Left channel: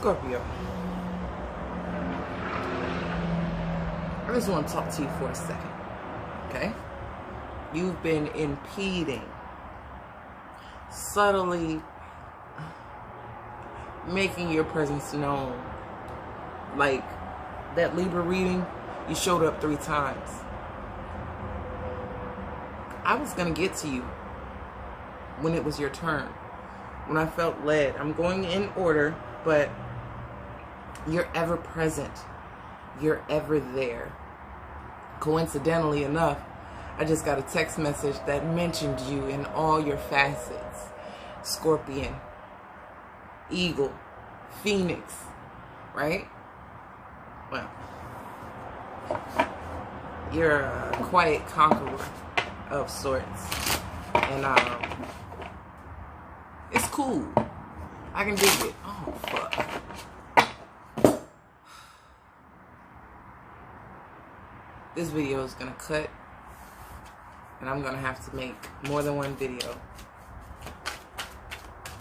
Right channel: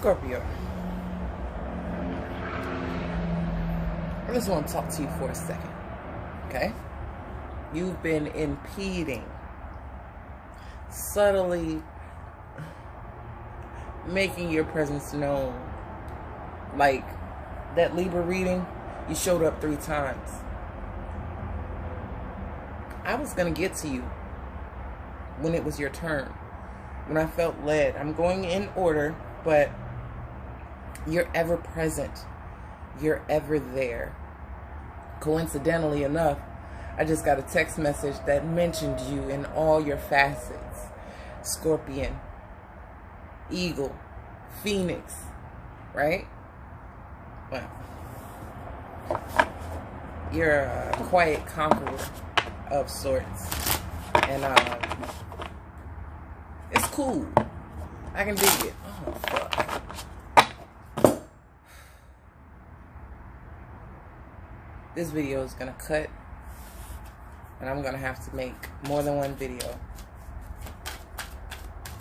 Scorpio, I just want to talk to you for a second, okay? You've been impeding, subtly making your presence known. Like that Libra reading, you showed up 3 times. I was going to get to you when it was your turn, when I felt led. I'm going in order, but you're ever present. You're ever there. Coincidentally enough, I just got a text message that mentioned you in all your facets. Scorpion, Eagle, Phoenix, right? Well, you're a quiet conqueror of sorts. And it's cool. I can dig it. Oh, fuck. This video is gonna cut, and I'm gonna have to make more than one video.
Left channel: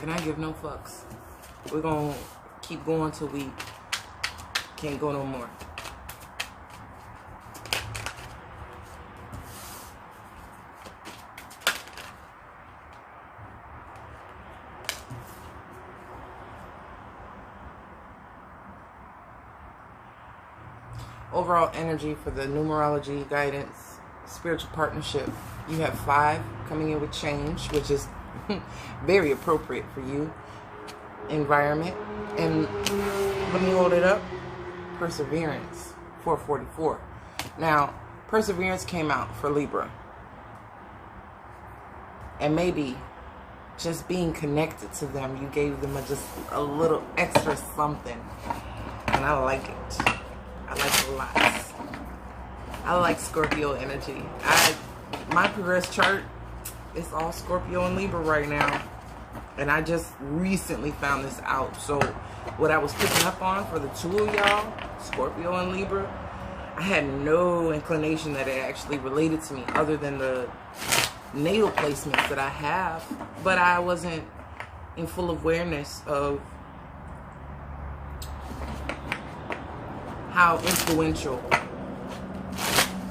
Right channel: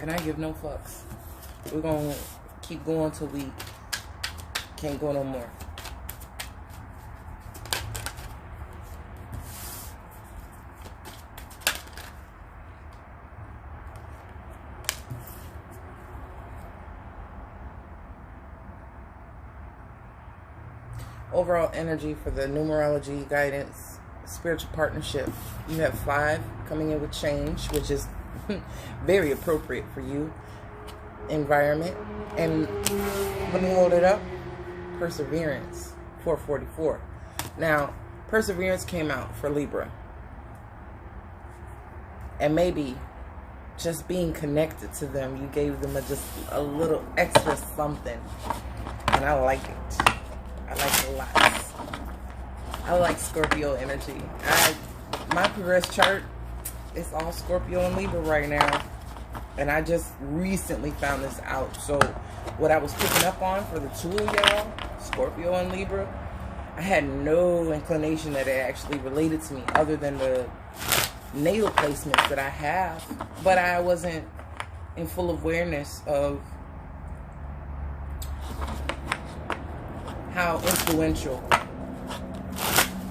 And I give no fucks. We're gonna keep going till we can't go no more. Overall energy for the numerology guidance spiritual partnership, you have 5 coming in with change, which is very appropriate for you. Environment, and let me hold it up. Perseverance, 444. Now, perseverance came out for Libra, and maybe just being connected to them, you gave them just a little extra something, and I like it. I like it a lot. I like Scorpio energy. My progress chart is all Scorpio and Libra right now. And I just recently found this out. So what I was picking up on for the 2 of y'all, Scorpio and Libra, I had no inclination that it actually related to me other than the natal placements that I have. But I wasn't in full awareness of how influential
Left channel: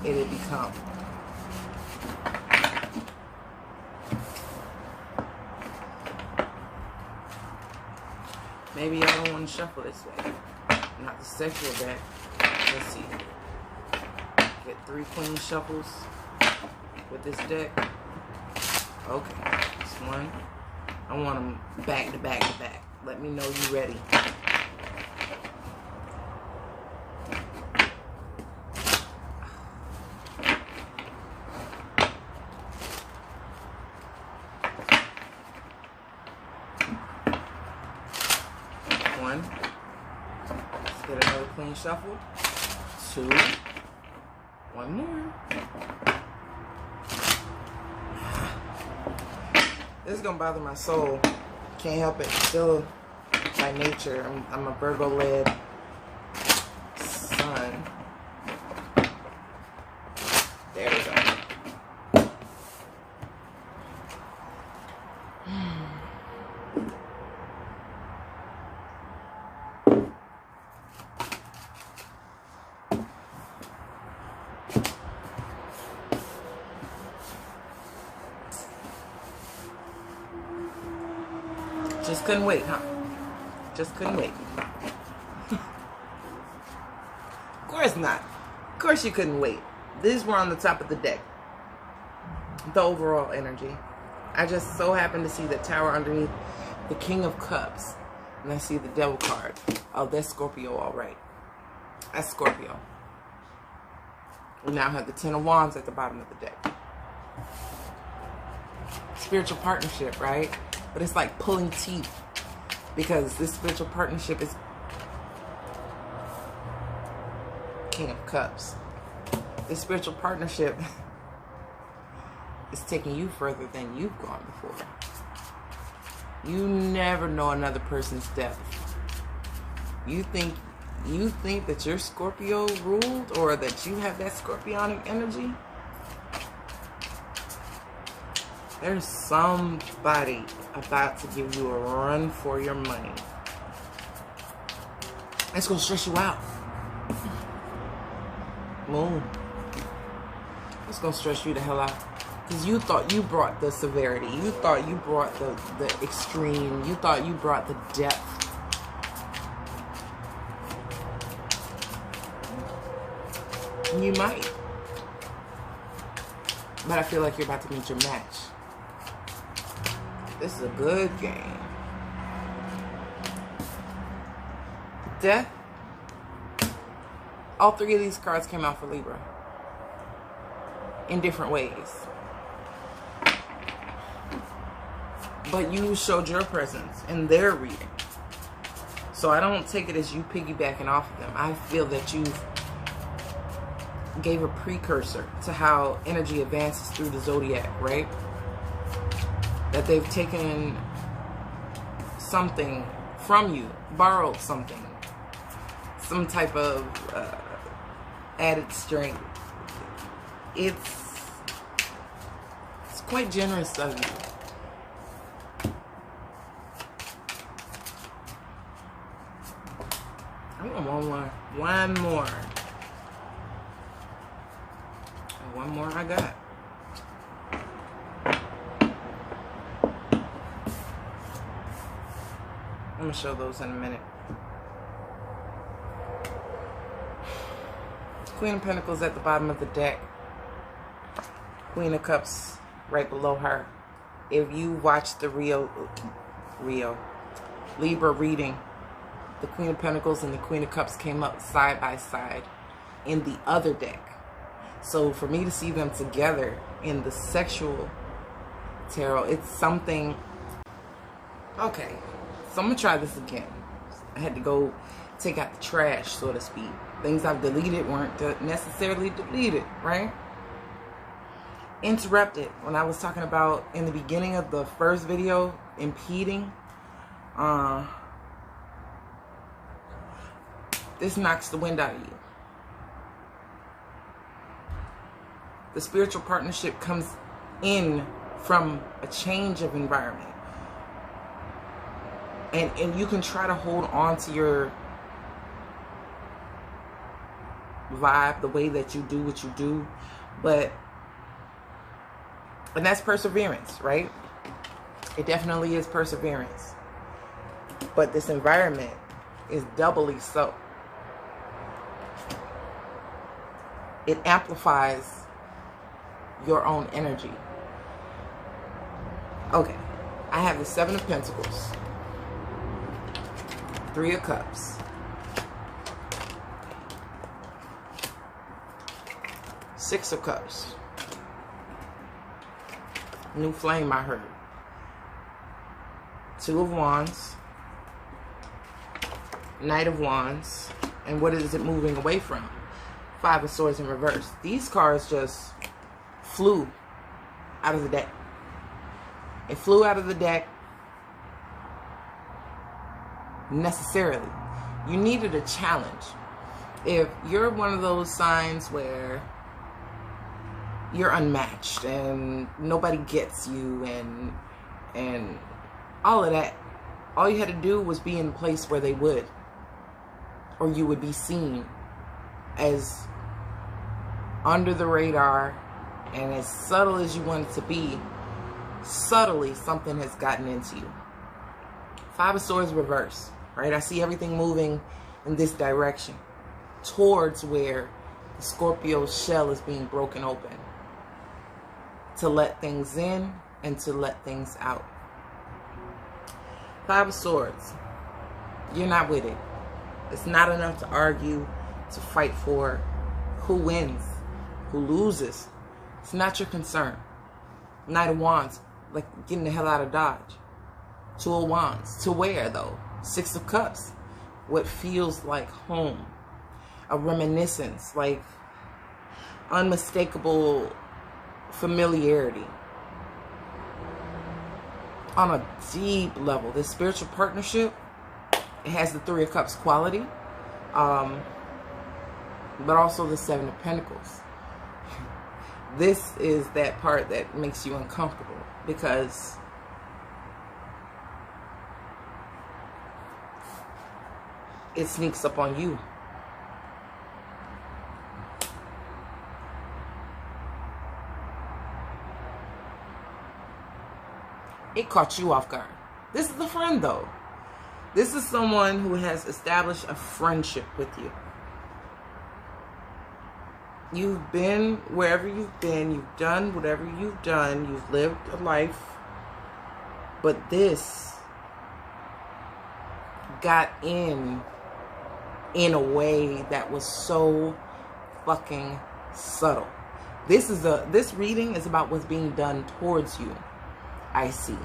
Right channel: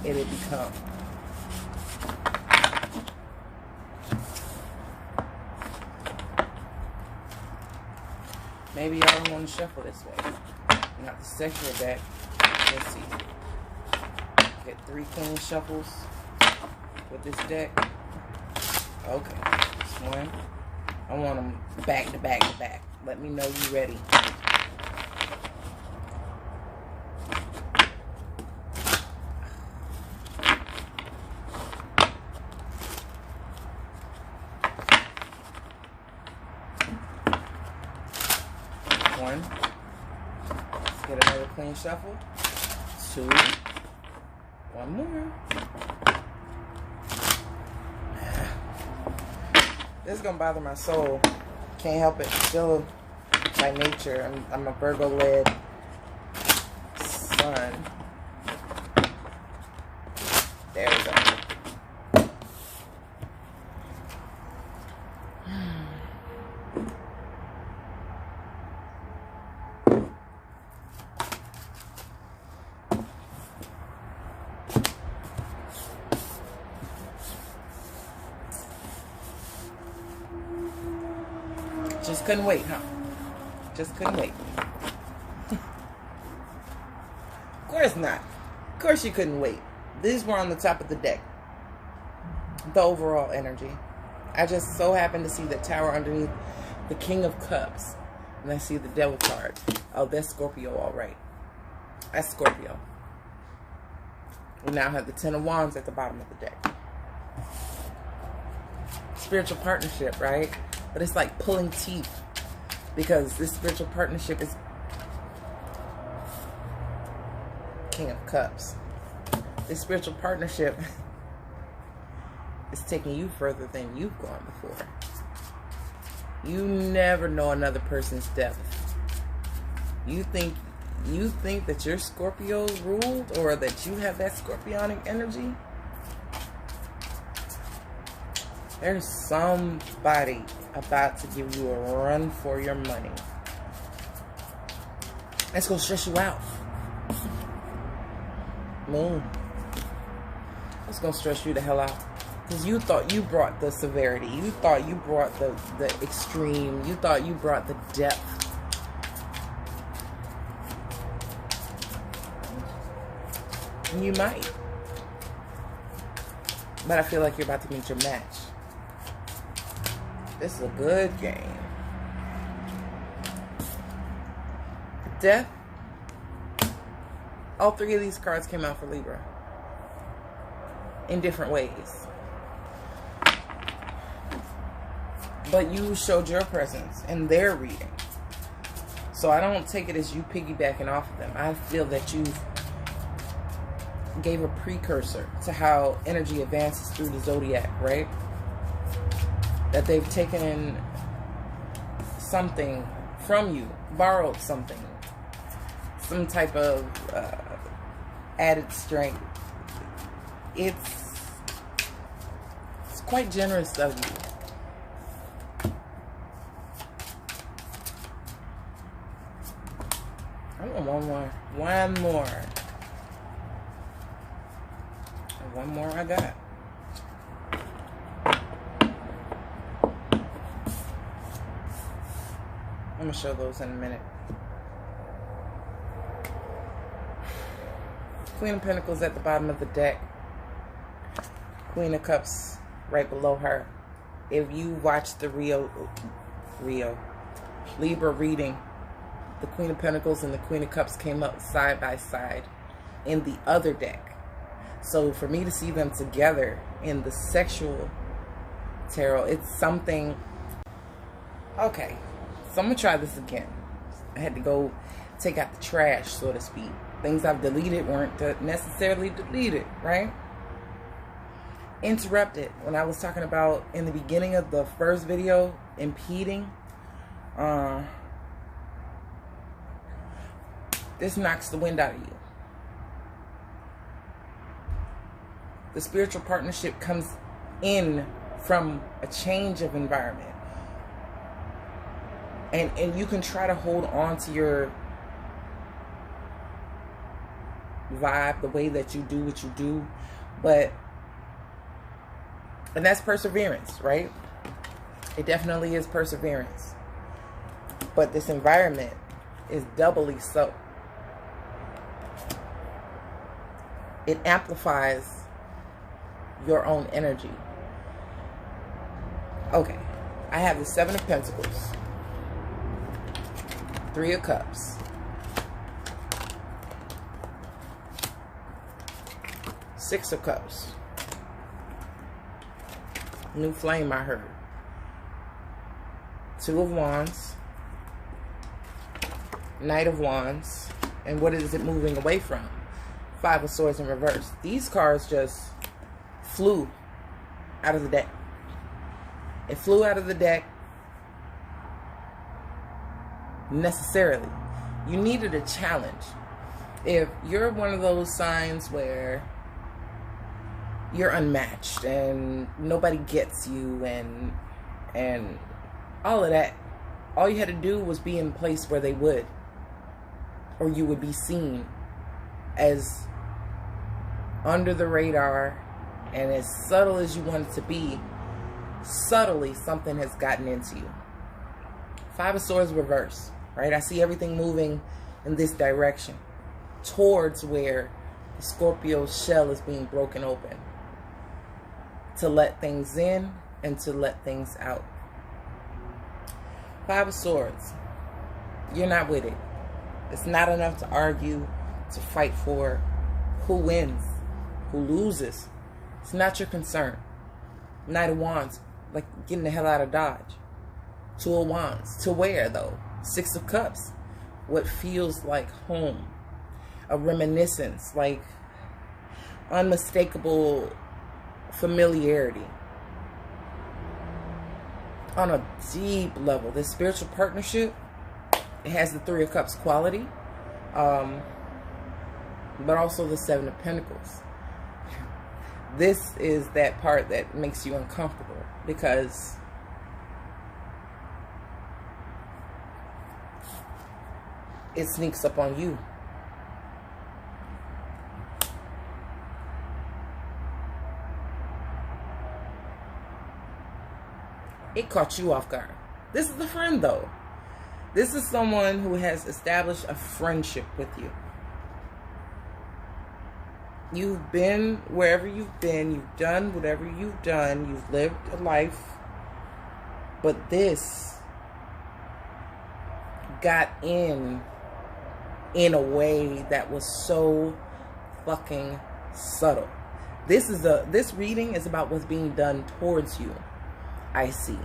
it had become. Maybe y'all don't want to shuffle this way. Not to secure your back. Let's see. Get 3 clean shuffles with this deck. Okay. This one. I want them back to back to back. Let me know you ready. One. Let's get another clean shuffle. 2. One more. This is gonna bother my soul. Can't help it. Still, by nature, I'm a Virgo-led sun. There we go. Just couldn't wait, huh? Just couldn't wait. Of course not. Of course you couldn't wait. These were on the top of the deck. The overall energy. I just so happened to see the Tower underneath the King of Cups. And I see the Devil card. Oh, that's Scorpio, all right. That's Scorpio. We now have the 10 of Wands at the bottom of the deck. Spiritual partnership, right? But it's like pulling teeth, because this spiritual partnership is King of Cups. This spiritual partnership is taking you further than you've gone before. You never know another person's depth. You think that you're Scorpio ruled, or that you have that Scorpionic energy? There's somebody about to give you a run for your money. It's going to stress you out. Moon. It's going to stress you the hell out. Because you thought you brought the severity. You thought you brought the extreme. You thought you brought the depth. You might. But I feel like you're about to meet your match. This is a good game. Death. All three of these cards came out for Libra. In different ways. But you showed your presence in their reading. So I don't take it as you piggybacking off of them. I feel that you gave a precursor to how energy advances through the zodiac, right? That they've taken something from you, borrowed something, some type of added strength. It's quite generous of you. I want one more. And one more I got. I'm going to show those in a minute. Queen of Pentacles at the bottom of the deck. Queen of Cups right below her. If you watch the Libra reading, the Queen of Pentacles and the Queen of Cups came up side by side in the other deck. So for me to see them together in the sexual tarot, it's something. Okay, so I'm going to try this again. I had to go take out the trash, so to speak. Things I've deleted weren't necessarily deleted, right? Interrupted. When I was talking about in the beginning of the first video, impeding. This knocks the wind out of you. The spiritual partnership comes in from a change of environment. And you can try to hold on to your vibe, the way that you do what you do, and that's perseverance, right? It definitely is perseverance. But this environment is doubly so. It amplifies your own energy. Okay, I have the Seven of Pentacles, Three of Cups, Six of Cups, new flame I heard, Two of Wands, Knight of Wands, and what is it moving away from? Five of Swords in reverse. These cards just flew out of the deck. It flew out of the deck necessarily. You needed a challenge. If you're one of those signs where you're unmatched and nobody gets you and all of that, all you had to do was be in a place where they would, or you would be seen as under the radar and as subtle as you want it to be. Subtly something has gotten into you. Five of Swords reverse, right? I see everything moving in this direction towards where the Scorpio shell is being broken open to let things in and to let things out. Five of Swords. You're not with it. It's not enough to argue, to fight for who wins, who loses. It's not your concern. Knight of Wands, like getting the hell out of Dodge. Two of Wands, to where though? Six of Cups, what feels like home. A reminiscence, like unmistakable familiarity. On a deep level, this spiritual partnership, it has the Three of Cups quality, but also the Seven of Pentacles. This is that part that makes you uncomfortable, because it sneaks up on you. It caught you off guard. This is the friend, though. This is someone who has established a friendship with you. You've been wherever you've been. You've done whatever you've done. You've lived a life. But this got in a way that was so fucking subtle. This reading is about what's being done towards you. I see.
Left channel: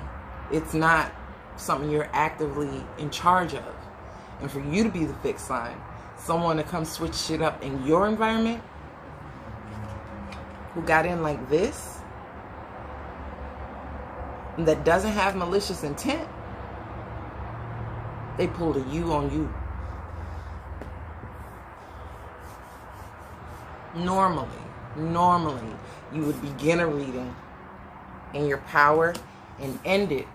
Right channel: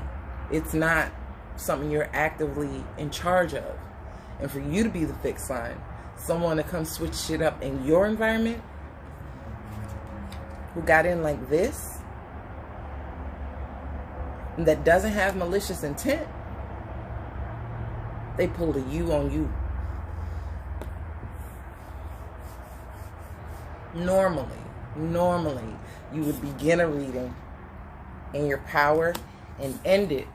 It's not something you're actively in charge of. And for you to be the fixed sign, someone to come switch shit up in your environment, who got in like this, that doesn't have malicious intent, they pulled a you on you. Normally, you would begin a reading in your power and end it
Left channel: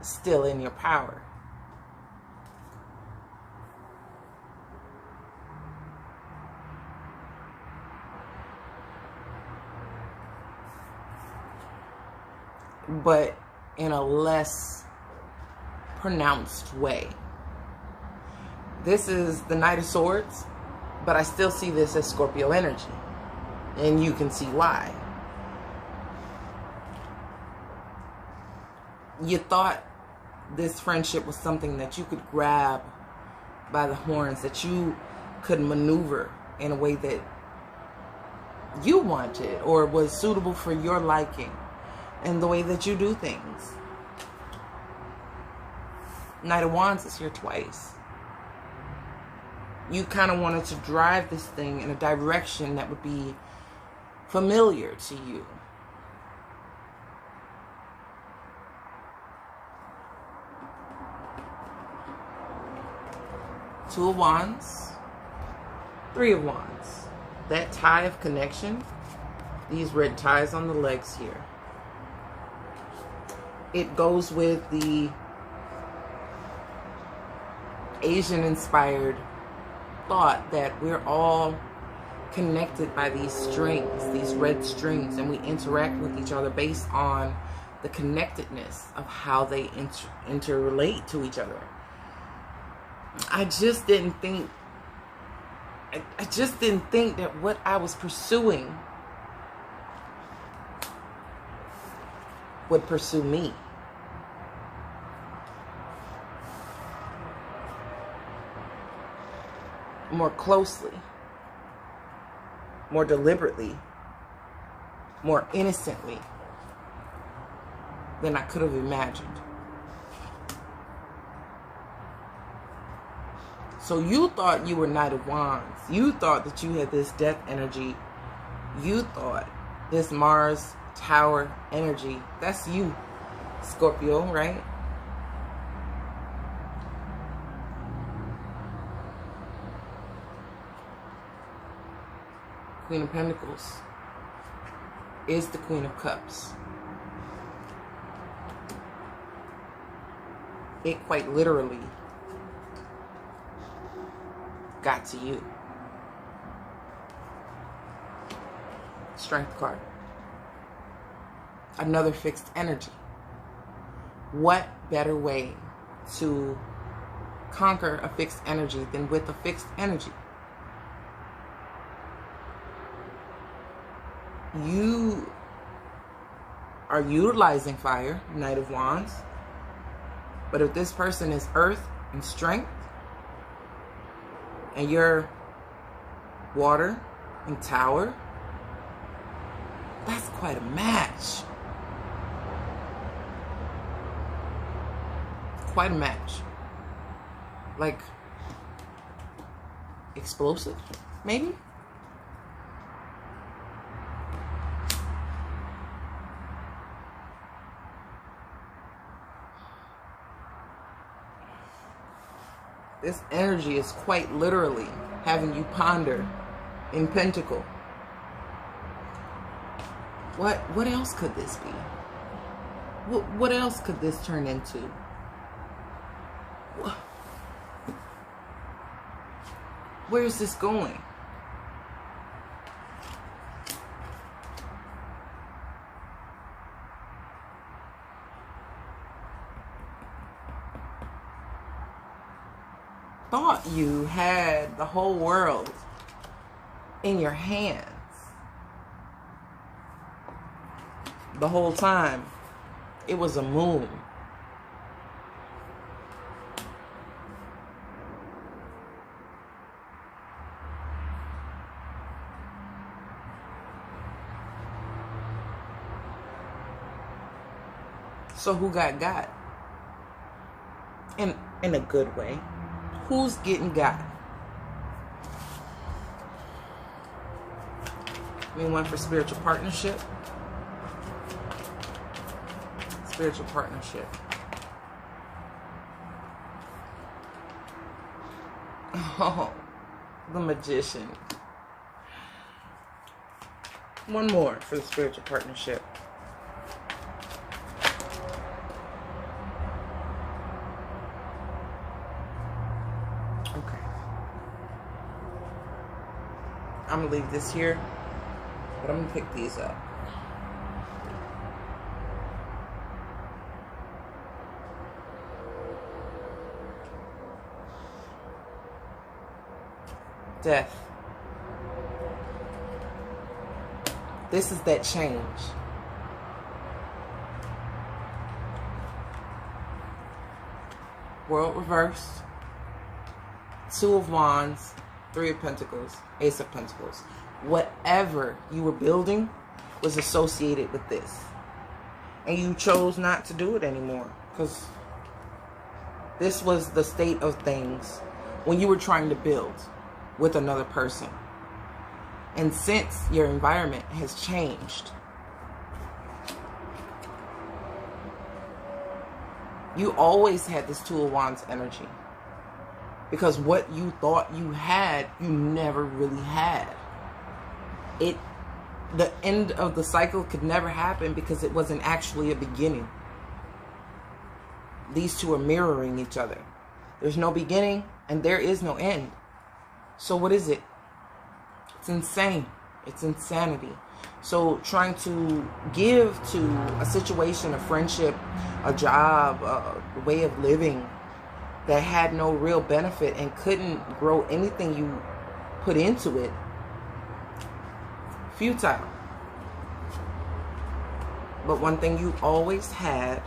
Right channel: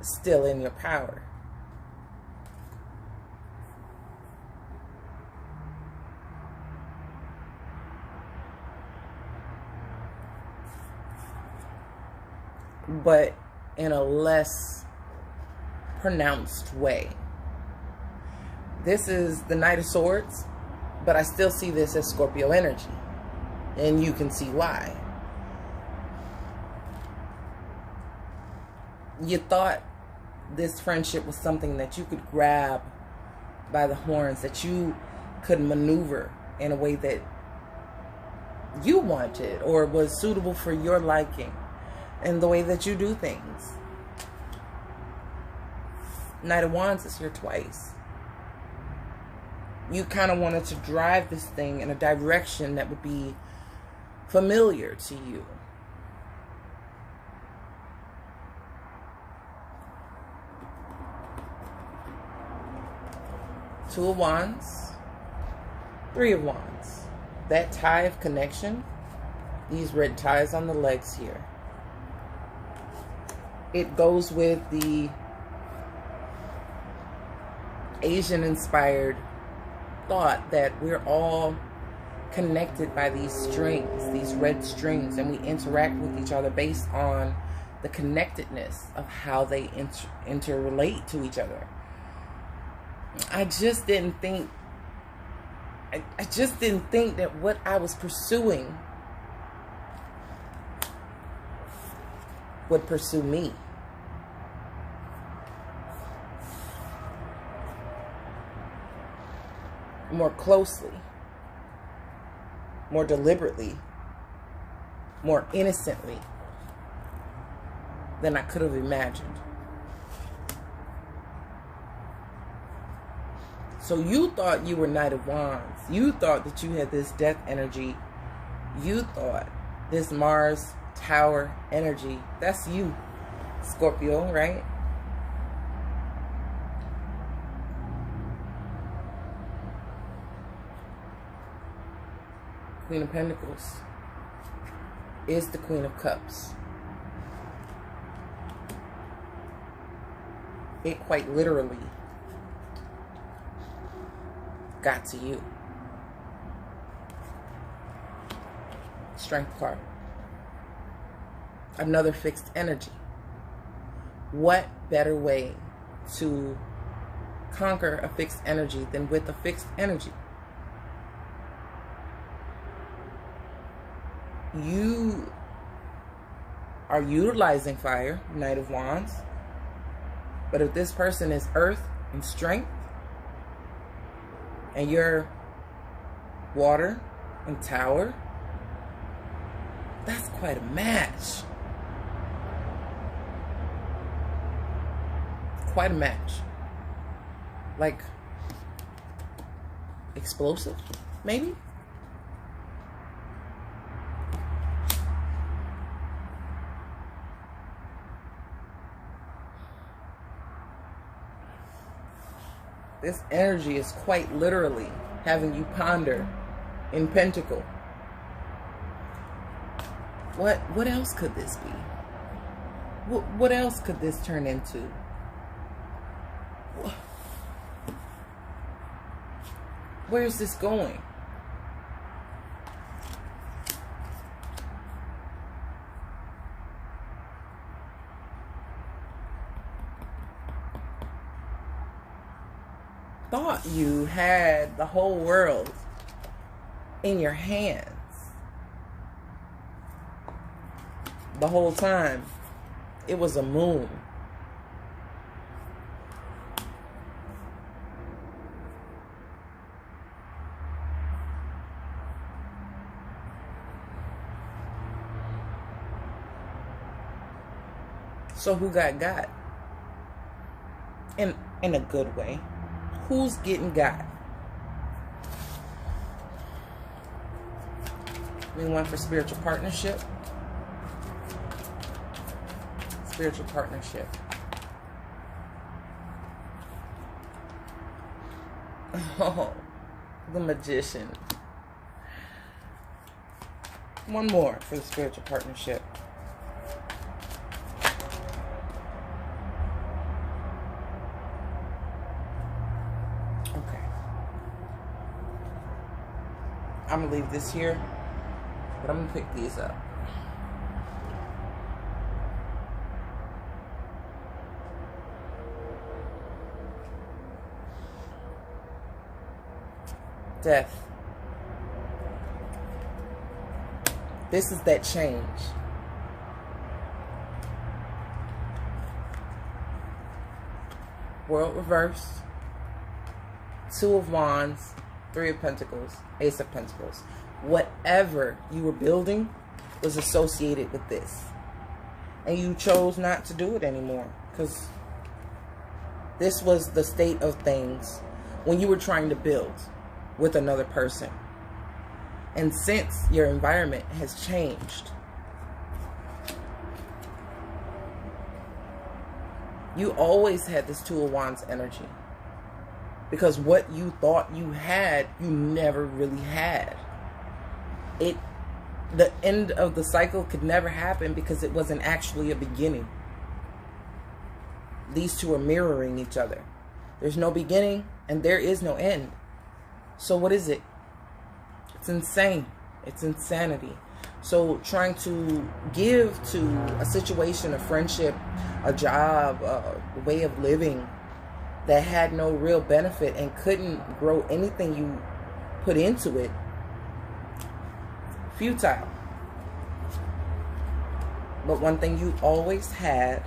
still in your power. But in a less pronounced way. This is the Knight of Swords, but I still see this as Scorpio energy. And you can see why. You thought this friendship was something that you could grab by the horns, that you could maneuver in a way that you wanted or was suitable for your liking and the way that you do things. Knight of Wands is here twice. You kind of wanted to drive this thing in a direction that would be familiar to you. Two of Wands, Three of Wands. That tie of connection, these red ties on the legs here. It goes with the Asian-inspired thought that we're all connected by these strings, these red strings, and we interact with each other based on the connectedness of how they interrelate to each other. I just didn't think that what I was pursuing would pursue me. More closely, more deliberately, more innocently than I could have imagined. So you thought you were Knight of Wands. You thought that you had this death energy. You thought this Mars Tower energy. That's you, Scorpio, right? Queen of Pentacles is the Queen of Cups. It quite literally got to you. Strength card. Another fixed energy. What better way to conquer a fixed energy than with a fixed energy? You are utilizing fire, Knight of Wands. But if this person is earth and strength, and you're water and tower, that's quite a match. Quite a match. Like, explosive, maybe? This energy is quite literally having you ponder in Pentacle. What else could this be? What else could this turn into? Where is this going? Thought you had the whole world in your hands the whole time. It was a moon. So who got? In a good way. Who's getting got? We went for spiritual partnership. Spiritual partnership. Oh, the Magician. One more for the spiritual partnership. Okay. I'm going to leave this here, but I'm going to pick these up. Death. This is that change. World reversed. Two of Wands, Three of Pentacles, Ace of Pentacles. Whatever you were building was associated with this. And you chose not to do it anymore. Because this was the state of things when you were trying to build with another person. And since your environment has changed, you always had this Two of Wands energy. Because what you thought you had, you never really had. The end of the cycle could never happen because it wasn't actually a beginning. These two are mirroring each other. There's no beginning and there is no end. So what is it? It's insane. It's insanity. So trying to give to a situation, a friendship, a job, a way of living that had no real benefit and couldn't grow anything you put into it, futile. But one thing you always had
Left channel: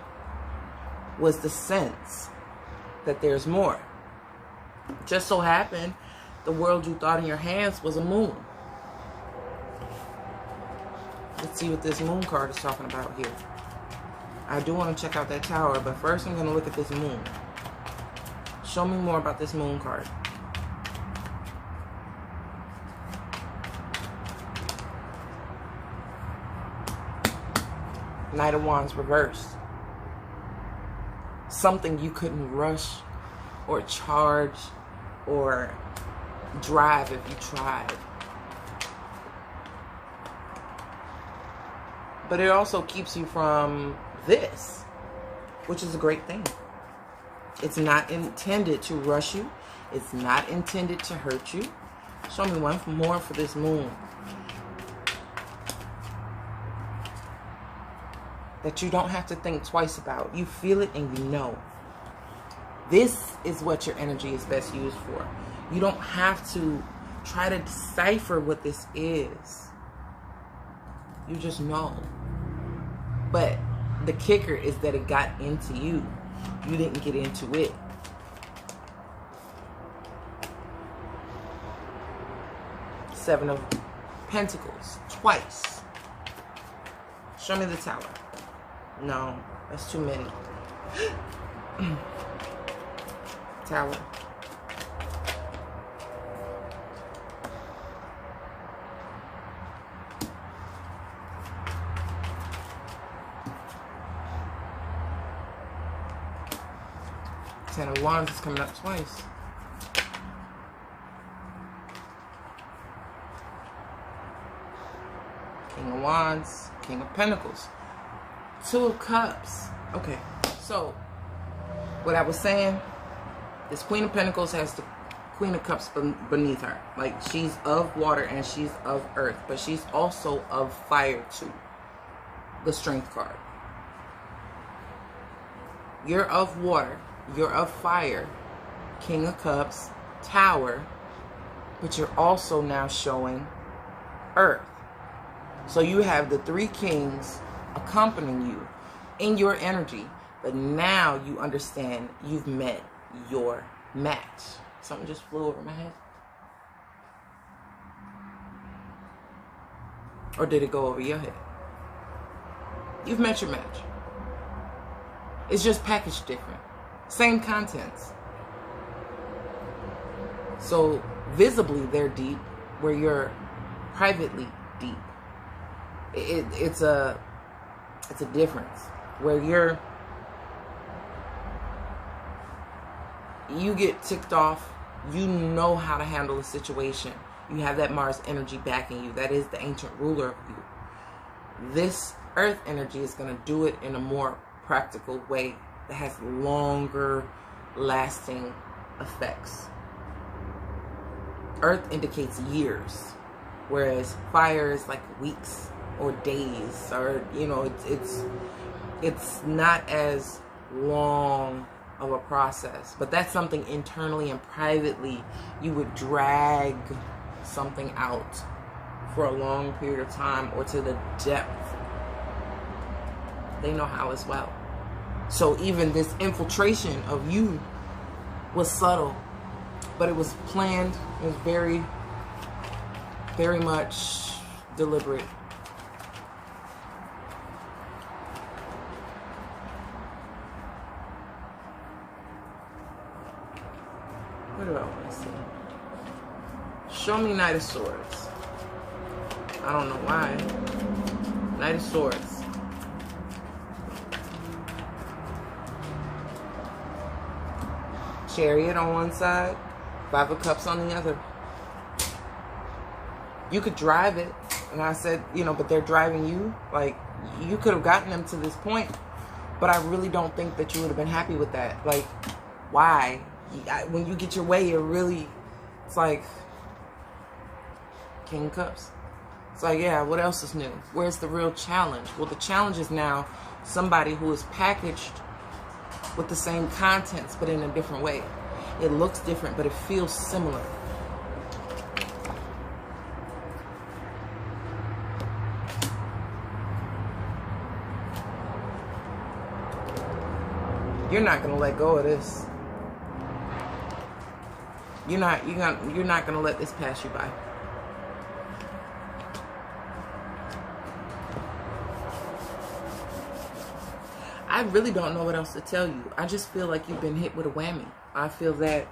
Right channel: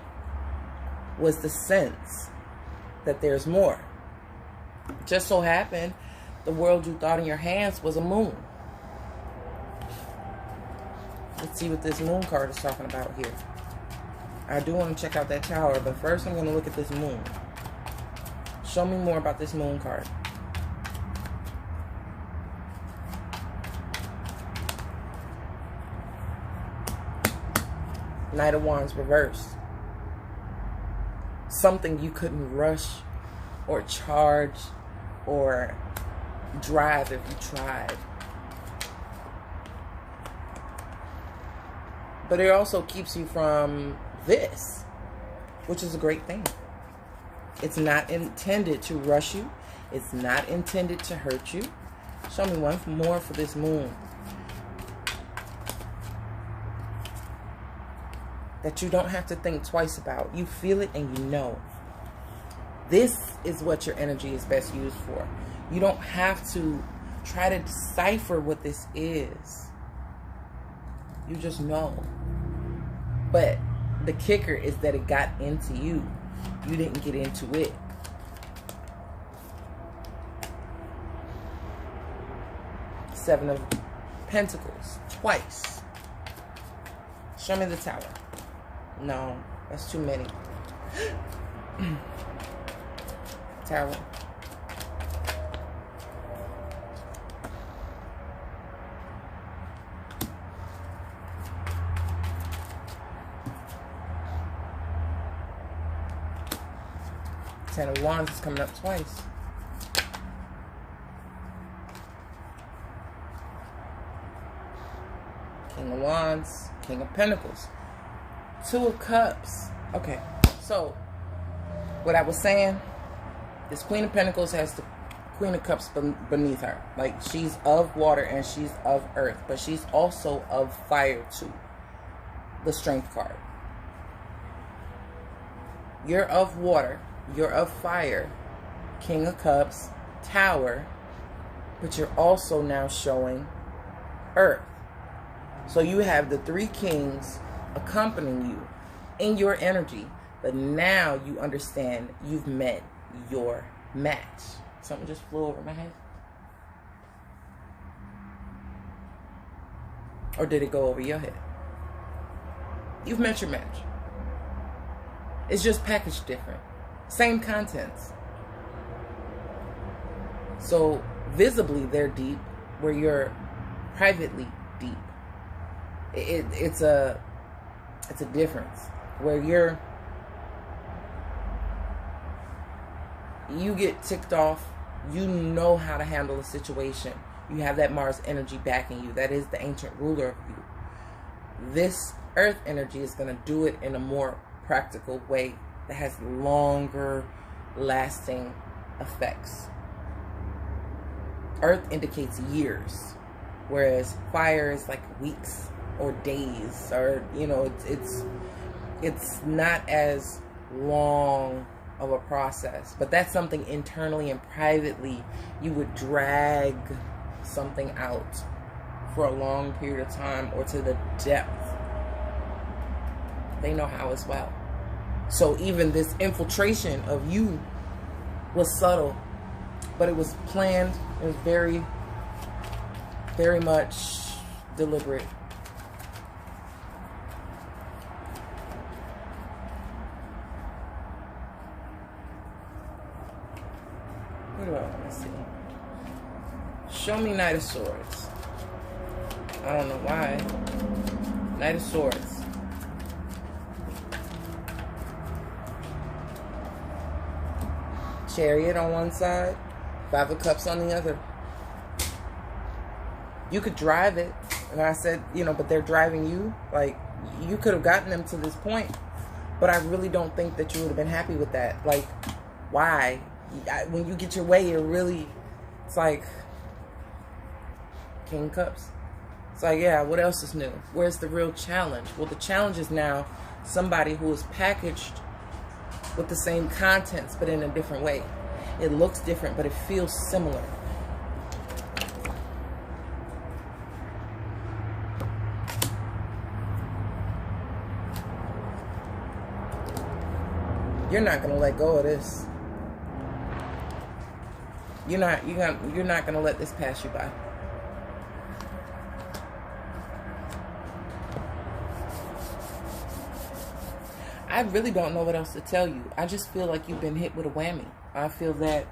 was the sense that there's more. Just so happened, the world you thought in your hands was a moon. Let's see what this moon card is talking about here. I do want to check out that tower, but first I'm going to look at this moon. Show me more about this moon card. Knight of Wands reversed. Something you couldn't rush or charge or drive if you tried. But it also keeps you from this, which is a great thing. It's not intended to rush you. It's not intended to hurt you. Show me one more for this moon. That you don't have to think twice about. You feel it and you know. This is what your energy is best used for. You don't have to try to decipher what this is. You just know. But the kicker is that it got into you. You didn't get into it. Seven of Pentacles. Twice. Show me the Tower. No, that's too many. Tower. Ten of Wands is coming up twice. King of Wands, King of Pentacles. Two of Cups. Okay, so what I was saying, this Queen of Pentacles has the Queen of Cups beneath her. Like, she's of water and she's of earth, but she's also of fire too. The Strength card. You're of water, you're of fire, King of Cups, Tower, but you're also now showing earth. So you have the three kings accompanying you in your energy, but now you understand you've met your match. Something just flew over my head. Or did it go over your head? You've met your match. It's just packaged different. Same contents. So visibly they're deep, where you're privately deep. It's a difference. Where you get ticked off, you know how to handle a situation. You have that Mars energy backing you. That is the ancient ruler of you. This earth energy is going to do it in a more practical way that has longer lasting effects. Earth indicates years, whereas fire is like weeks or days, or it's not as long of a process. But that's something internally and privately you would drag something out for a long period of time, or to the depth. They know how as well. So even this infiltration of you was subtle, but it was planned. It was very, very much deliberate. What do I want to see? Show me Knight of Swords. I don't know why. Knight of Swords. Chariot on one side, Five of Cups on the other. You could drive it. And I said, but they're driving you. Like, you could have gotten them to this point. But I really don't think that you would have been happy with that. Like, why? When you get your way, it's like King of Cups. It's like, yeah, what else is new? Where's the real challenge? Well, the challenge is now somebody who is packaged with the same contents, but in a different way. It looks different, but it feels similar. You're not gonna let go of this. You're not gonna let this pass you by. I really don't know what else to tell you. I just feel like you've been hit with a whammy. I feel that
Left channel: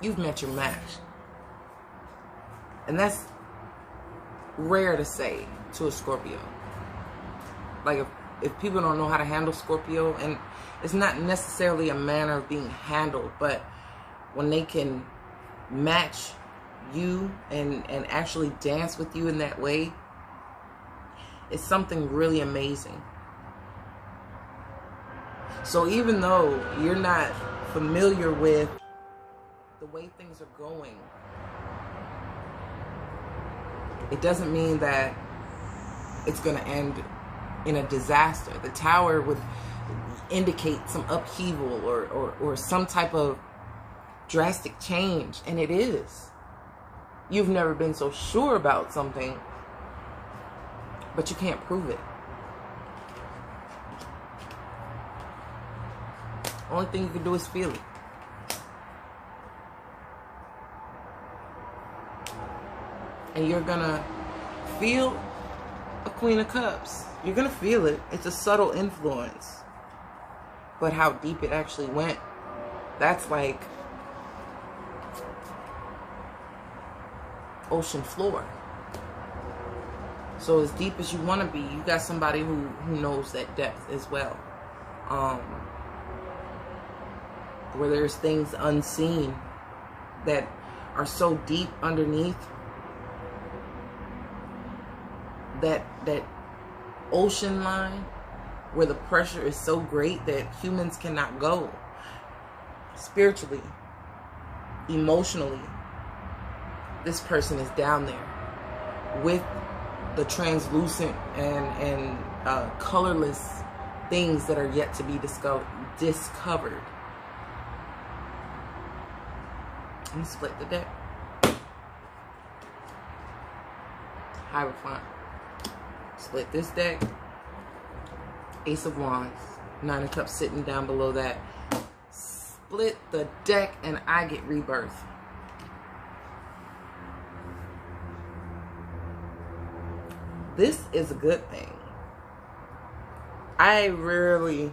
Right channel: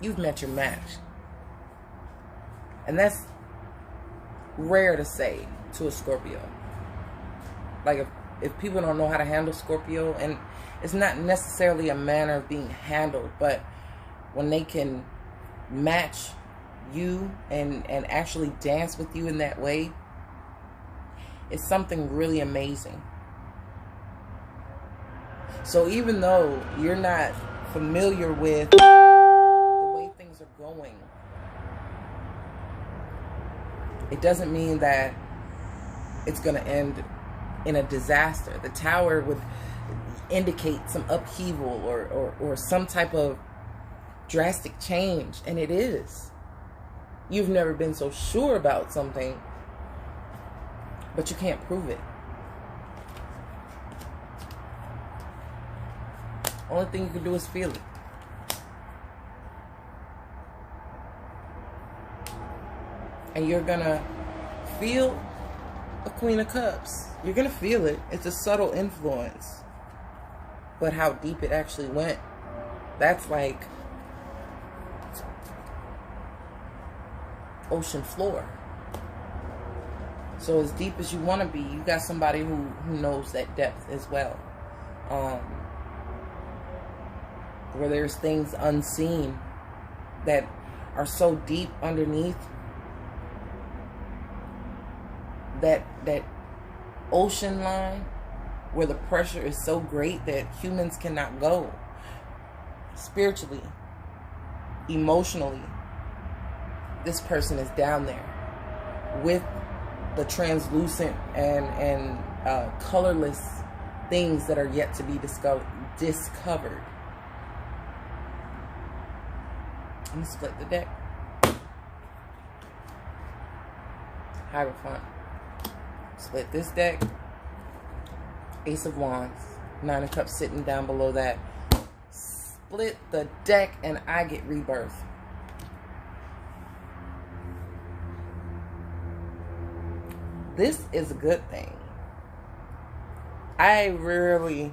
you've met your match. And that's rare to say to a Scorpio. Like, if people don't know how to handle Scorpio, and it's not necessarily a manner of being handled, but when they can match you and actually dance with you in that way, it's something really amazing. So even though you're not familiar with the way things are going, it doesn't mean that it's going to end in a disaster. The Tower would indicate some upheaval or some type of drastic change, and it is. You've never been so sure about something, but you can't prove it. Only thing you can do is feel it. And you're gonna feel a Queen of Cups. You're gonna feel it. It's a subtle influence. But how deep it actually went, that's like ocean floor. So as deep as you want to be, you got somebody who knows that depth as well. Where there's things unseen that are so deep underneath that ocean line, where the pressure is so great that humans cannot go. spiritually, emotionally, this person is down there with the translucent and colorless things that are yet to be discovered. I'm gonna split the deck. Hierophant. Split this deck. Ace of Wands. Nine of Cups sitting down below that. Split the deck and I get rebirth. This is a good thing. I rarely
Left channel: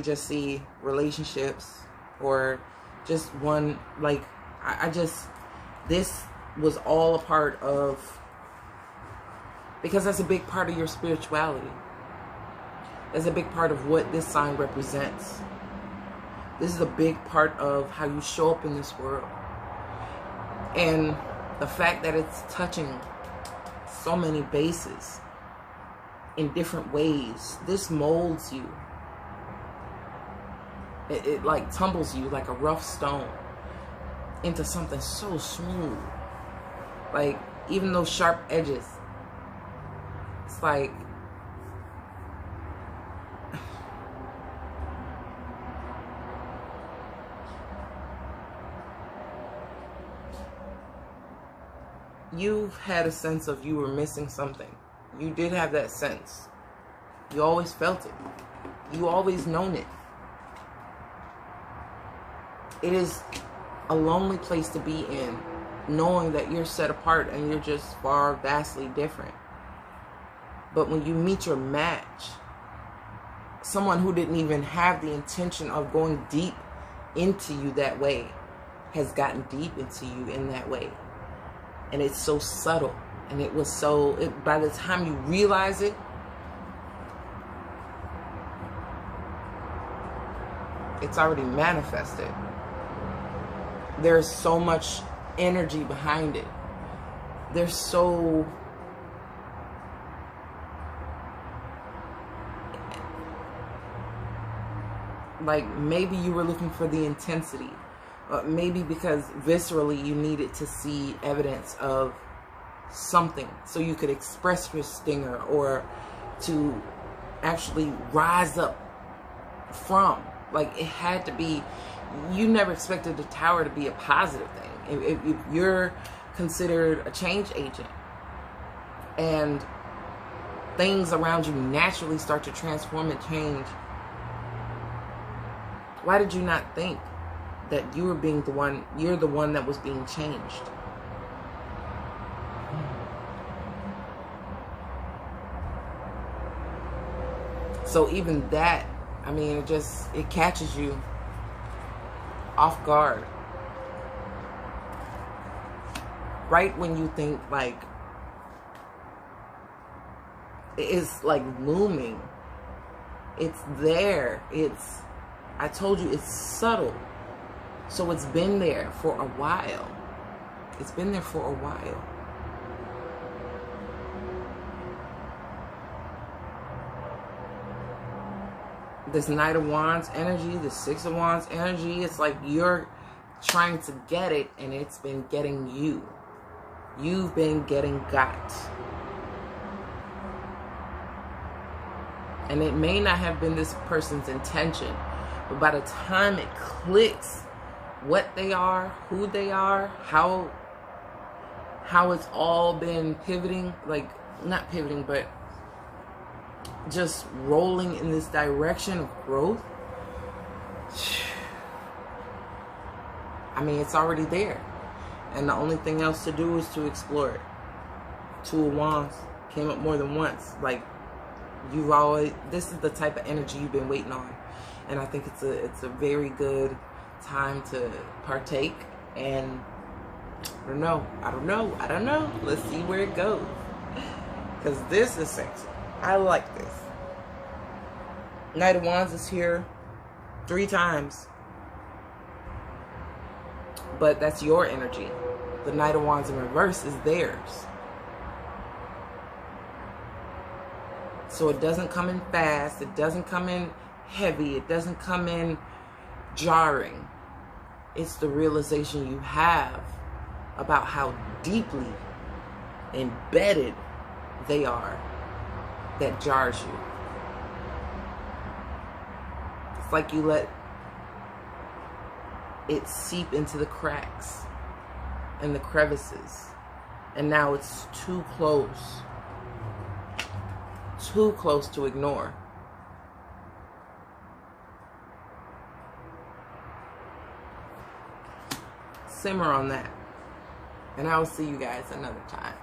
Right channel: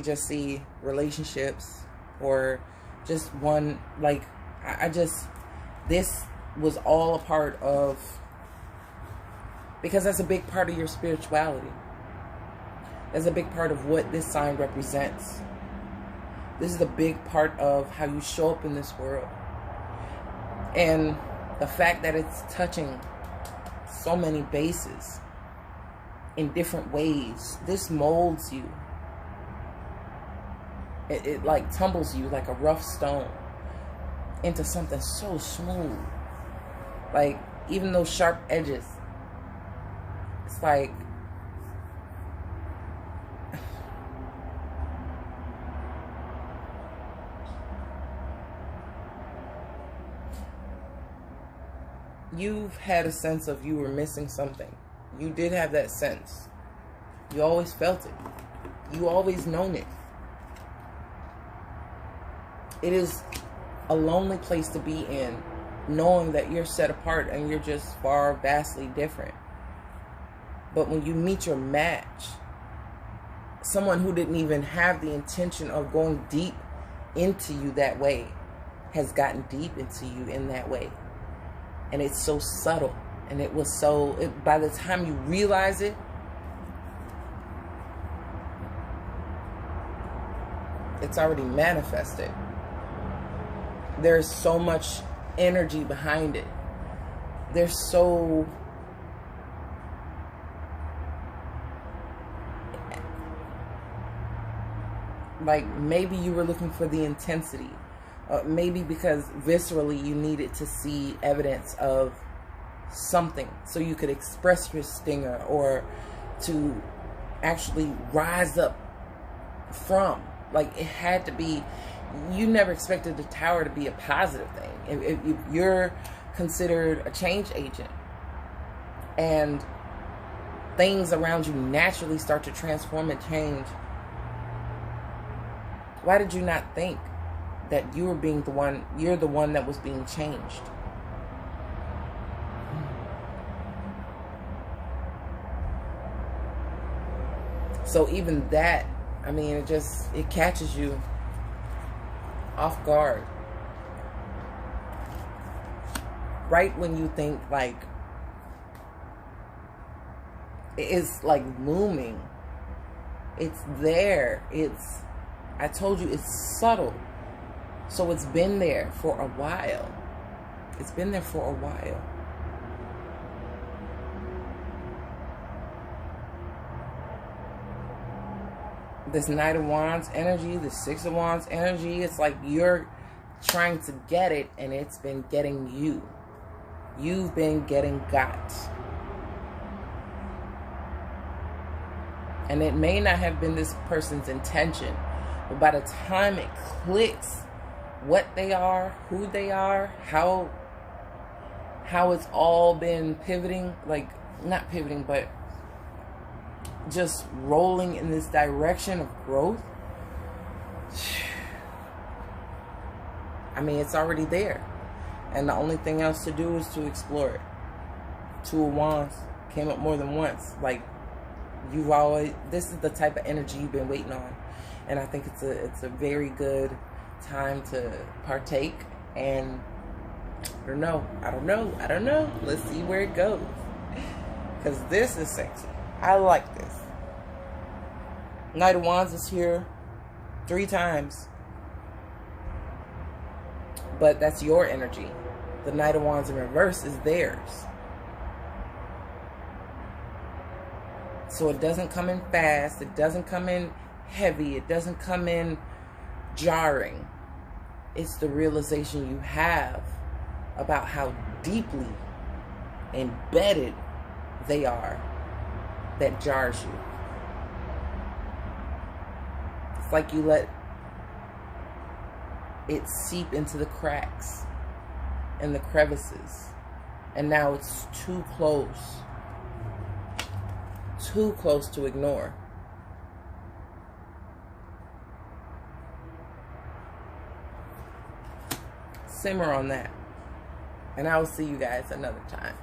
just see relationships or just one, like, this was all a part of, because that's a big part of your spirituality. That's a big part of what this sign represents. This is a big part of how you show up in this world. And the fact that it's touching so many bases in different ways, this molds you. It like tumbles you like a rough stone into something so smooth. Like, even those sharp edges, it's like you've had a sense of you were missing something. You did have that sense. You always felt it. You always known it. It is a lonely place to be in, knowing that you're set apart and you're just far, vastly different. But when you meet your match, someone who didn't even have the intention of going deep into you that way, has gotten deep into you in that way. And it's so subtle. And it was so, by the time you realize it, it's already manifested. There's so much energy behind it. There's so, like, maybe you were looking for the intensity. Maybe because viscerally you needed to see evidence of something so you could express your stinger, or to actually rise up from. Like, it had to be, you never expected the tower to be a positive thing. If you're considered a change agent and things around you naturally start to transform and change, why did you not think that you were being the one, you're the one that was being changed? So even that, I mean, it catches you off guard. Right when you think, like, it's like looming. It's there. I told you, it's subtle. So it's been there for a while. It's been there for a while. This Knight of Wands energy, the Six of Wands energy, it's like you're trying to get it and it's been getting you. You've been getting got. And it may not have been this person's intention, but by the time it clicks what they are, who they are, how it's all been pivoting, like, not pivoting, but just rolling in this direction of growth. I mean, it's already there. And the only thing else to do is to explore it. Two of Wands came up more than once. Like, this is the type of energy you've been waiting on. And I think it's a very good time to partake. And I don't know. Let's see where it goes. Because this is sexy. I like this. Knight of Wands is here 3 times. But that's your energy. The Knight of Wands in reverse is theirs. So it doesn't come in fast. It doesn't come in heavy. It doesn't come in jarring. It's the realization you have about how deeply embedded they are that jars you. It's like you let it seep into the cracks and the crevices, and now it's too close to ignore. Simmer on that, and I will see you guys another time.